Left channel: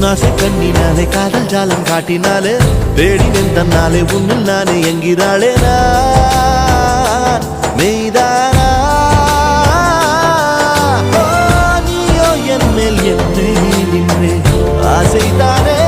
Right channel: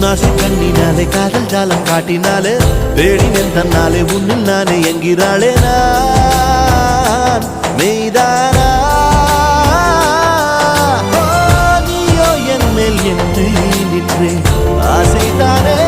உன்னாசை கண்ணினாலே காதல் ஜாலம் காட்டினாலே தேடினேன் தன்னாலே உன்னில் நானே என்கிறாளே நான் மெய்தானா நீயோ என் மேல் என்னே நின்றே ஆசைதானே